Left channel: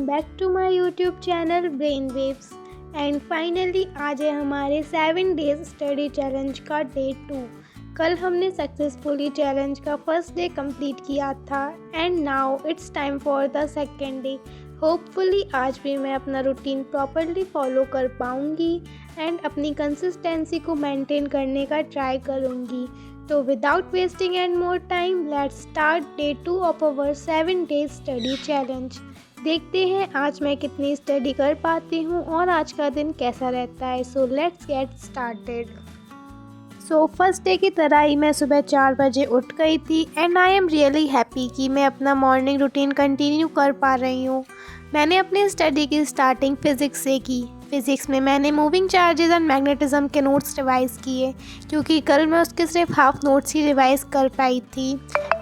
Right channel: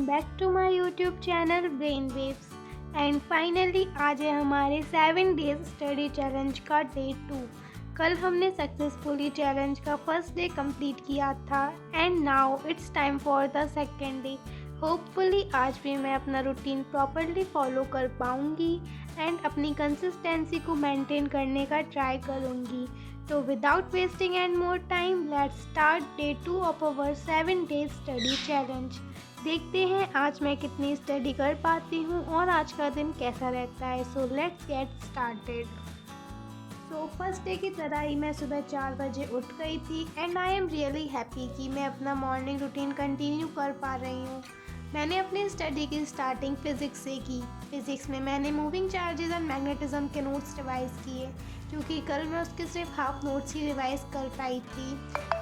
Welcome back to my YouTube channel brain waves. And finally आज है हमारे 7 days study challenge का day 2। कल हमने सक्सेसफुली चैलेंज का फर्स्ट डे कंप्लीट किया था and now it's time for the second day. Hopefully आज भी मैं अपना रूटीन प्रॉपरली फॉलो कर पाऊँगी एंड अपनी कंसिस्टेंसी को मेंटेन करने का ट्राई करूँगी। तो without wasting and more time let's start day 2 of our 7 days study challenge. देखते हैं आज मैं कितनी स्टडी कर पाती हूँ और आज का दिन कैसा रहता है। So let's get started. So first day की तरह ही मैं सुबह 4 बजे उठ गई थी and I am really happy कि मैं अपना मॉर्निंग रूटीन कंटिन्यू कर पा रही हूँ। मैंने अपनी स्टडी की स्टार्टिंग फ़िज़िक्स से की। फ़िज़िक्स में मैंने मूविंग चार्जेस एंड मैग्नेटिज्म के नोट्स रिवाइज़ किए क्योंकि कल मैं उसके सिर्फ हाफ नोट्स ही रिवाइज़ कर पाई थी।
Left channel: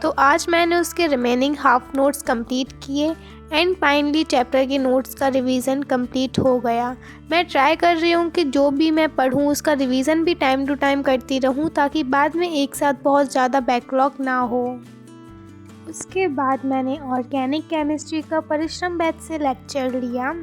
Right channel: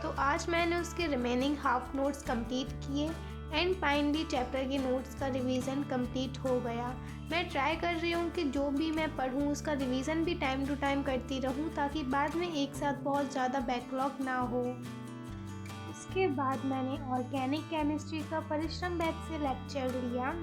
तो आज मैंने उसके रिमेनिंग हाफ नोट्स कंप्लीट किए एंड फाइनली चैप्टर के नोट्स का रिवीजन कंप्लीट हो गया। मैं ट्राई कर रही हूँ कि जो भी मैं पढूँ उसका रिवीजन भी टाइम टू टाइम करती रहूँ ताकि बाद में एक साथ बहुत ज़्यादा बैकलॉग ना हो। उसके बाद मैंने ऑर्गेनिक केमिस्ट्री का परिश्रम बैच से लेक्चर लिया।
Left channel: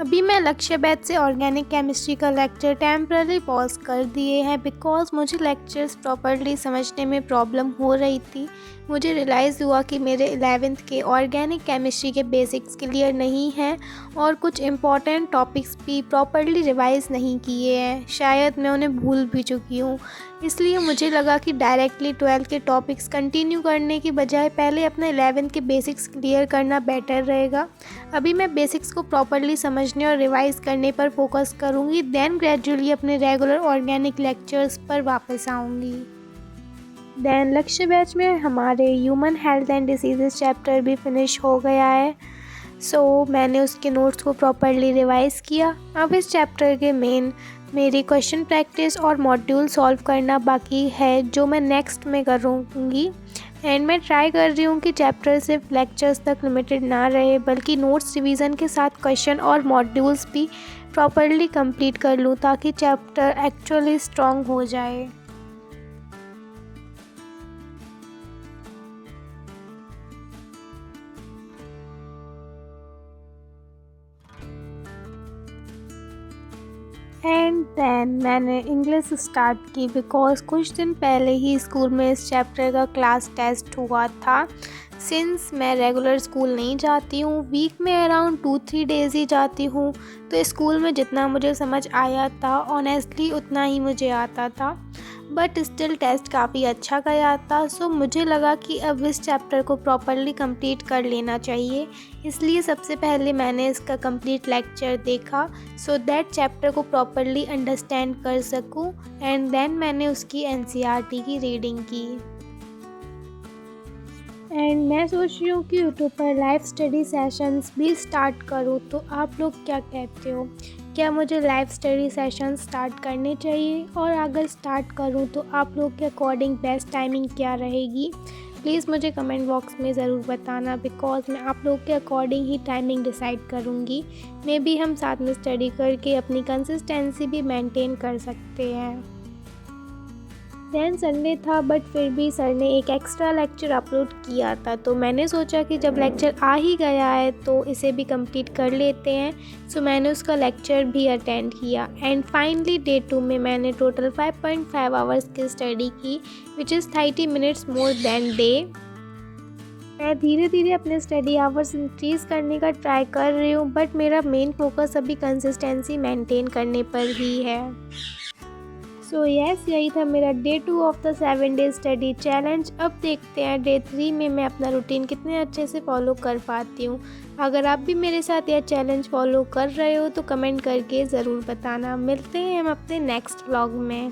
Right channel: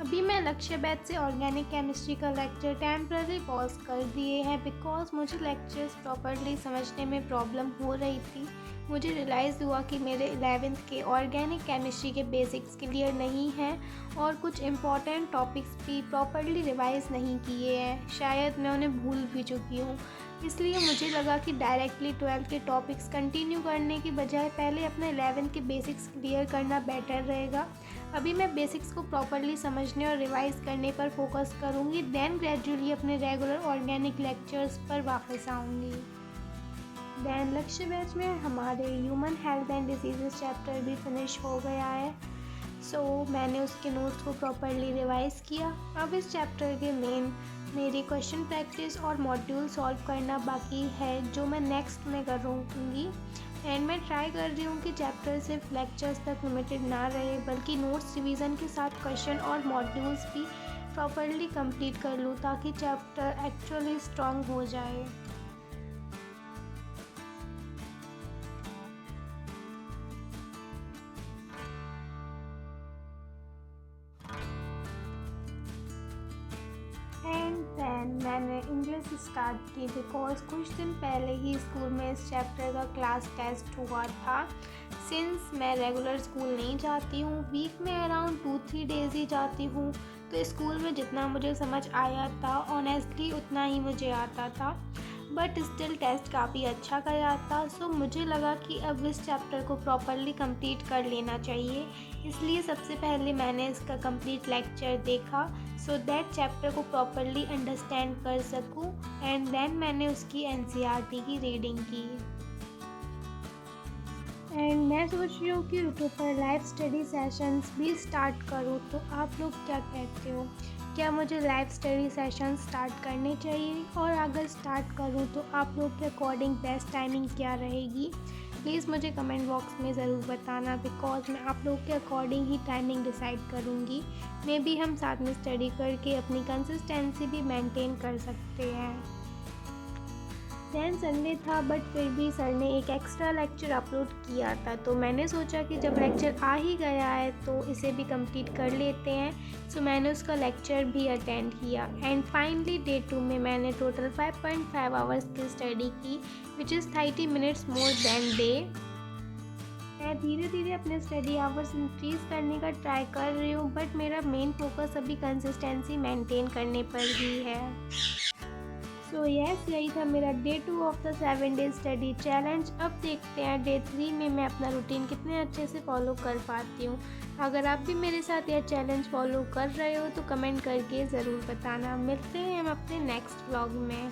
अभी मैं लक्ष्य बैच से ऑर्गेनिक केमिस्ट्री का लेक्चर टेम्पररी पॉज कर दिए हैं बिकॉज मुझे लेक्चर्स प्रॉपरली समझने में प्रॉब्लम हो रही थी। मुझे रियलाइज़ हुआ कि मेरे 11th के ऑर्गेनिक केमिस्ट्री के बेसिक्स क्लियर नहीं हैं और कुछ इम्पॉर्टेंट टॉपिक्स भी प्रॉपरली रिवाइज़ नहीं किए हैं। शायद मैं उन्हें भूल भी चुकी हूँ। इसलिए मुझे लगा कि डायरेक्टली 12th के टॉपिक्स कंटिन्यू करने की बजाय पहले अपने 11th के बेसिक्स क्लियर करना बेटर रहेगा। अभी मैं बेसिक्स को प्रॉपरली समझने और रिवाइज़ करने पर फोकस करूँगी, देन ग्रेजुअली अपने रेगुलर ऑर्गेनिक लेक्चर्स पर वापस आऊँगी। देन लक्ष्य बैच में हमारे human health and diseases chapter भी फिनिश हो गया है। सो मैंने उसके नोट्स को प्रॉपरली रिवाइज़ किया। अब इस चैप्टर के मेरी क्वेश्चन प्रैक्टिस और मॉड्यूल सॉल्व करना बाकी है जो मैं नेक्स्ट में करूँगी। एंड मैं ट्राई कर रही हूँ कि चैप्टर सिर्फ लेक्चर्स तक लिमिटेड ना रहे बल्कि नोट्स रिवीजन के साथ क्वेश्चन और मॉड्यूल्स भी प्रॉपरली कंप्लीट कर लूँ ताकि चैप्टर एक्चुअली स्ट्रॉन्ग हो जाए। एंड देन मैंने इंग्लिश स्टार्ट की बिकॉज कुछ दिन पहले ही स्कूल में इस चैप्टर का क्लास टेस्ट हुआ था। सिंस मैं रेगुलर स्कूल नहीं जाती हूँ, वीक में अराउंड 2-3 डेज़ ही जाती हूँ, तो स्कूल में जितना मुझे समझ आया था ऑनेस्टली उतना ही मुझे आता था, बट स्टिल टेस्ट काफ़ी अच्छा गया था। सो मुझे लगा कि अब इस चैप्टर को प्रॉपरली कंप्लीट कर लेना चाहिए। इसलिए सबसे पहले मैंने इसका कंप्लीट लेक्चर देखा सो दैट चैप्टर को प्रॉपरली अंडरस्टैंड कर सकूं एंड देन मैंने उसकी एनसीईआरटी की रीडिंग की। एंड मैं सोच रही हूँ कि यूट्यूब पर लाइव स्टडी सेशंस भी स्टार्ट करूँ, तो आप लोग क्या कहते हो? क्या मुझे लाइव स्टडी सेशन स्टार्ट करने चाहिए? और अगर स्टार्ट करूं तो आप लोग के अकॉर्डिंग बेस्ट टाइमिंग क्या रहेगी? प्लीज़ मुझे कमेंट बॉक्स में ज़रूर बताना बिकॉज मैं आप लोग के अकॉर्डिंग ही टाइमिंग डिसाइड करूंगी। मे बी हम साथ में स्टडी करके अपनी कंसिस्टेंसी भी मेंटेन कर सकते हैं। देन संडे था बट फिर भी सर ने एक एक्स्ट्रा लेक्चर अपलोड किया था, तो मैंने सोचा कि जब लेक्चर आ ही गया है तो इसे भी कंप्लीट कर लेते हैं। सो मैंने उसका लेक्चर भी अटेंड किया एंड फाइनली डे 2 में मैंने टोटल 5.5 आवर्स की स्टडी की which is 30 minutes more than day. मैं धीरे धीरे अपने स्टडी आवर्स इंक्रीज़ करने का ट्राई कर रही हूँ बट मेरा मेन फोकस अभी कंसिस्टेंसी मेंटेन करने पर ही है। सो यस, यही था मेरा day 2 of the 7 days study challenge. अब देखते हैं डे 3 में मैं अपना रूटीन कितने अच्छे से फॉलो कर पाती हूँ। अगर आप भी मेरे साथ यह चैलेंज फॉलो कर रहे हो तो कमेंट करके ज़रूर बताना। मिलते हैं हम अपने नेक्स्ट व्लॉग में।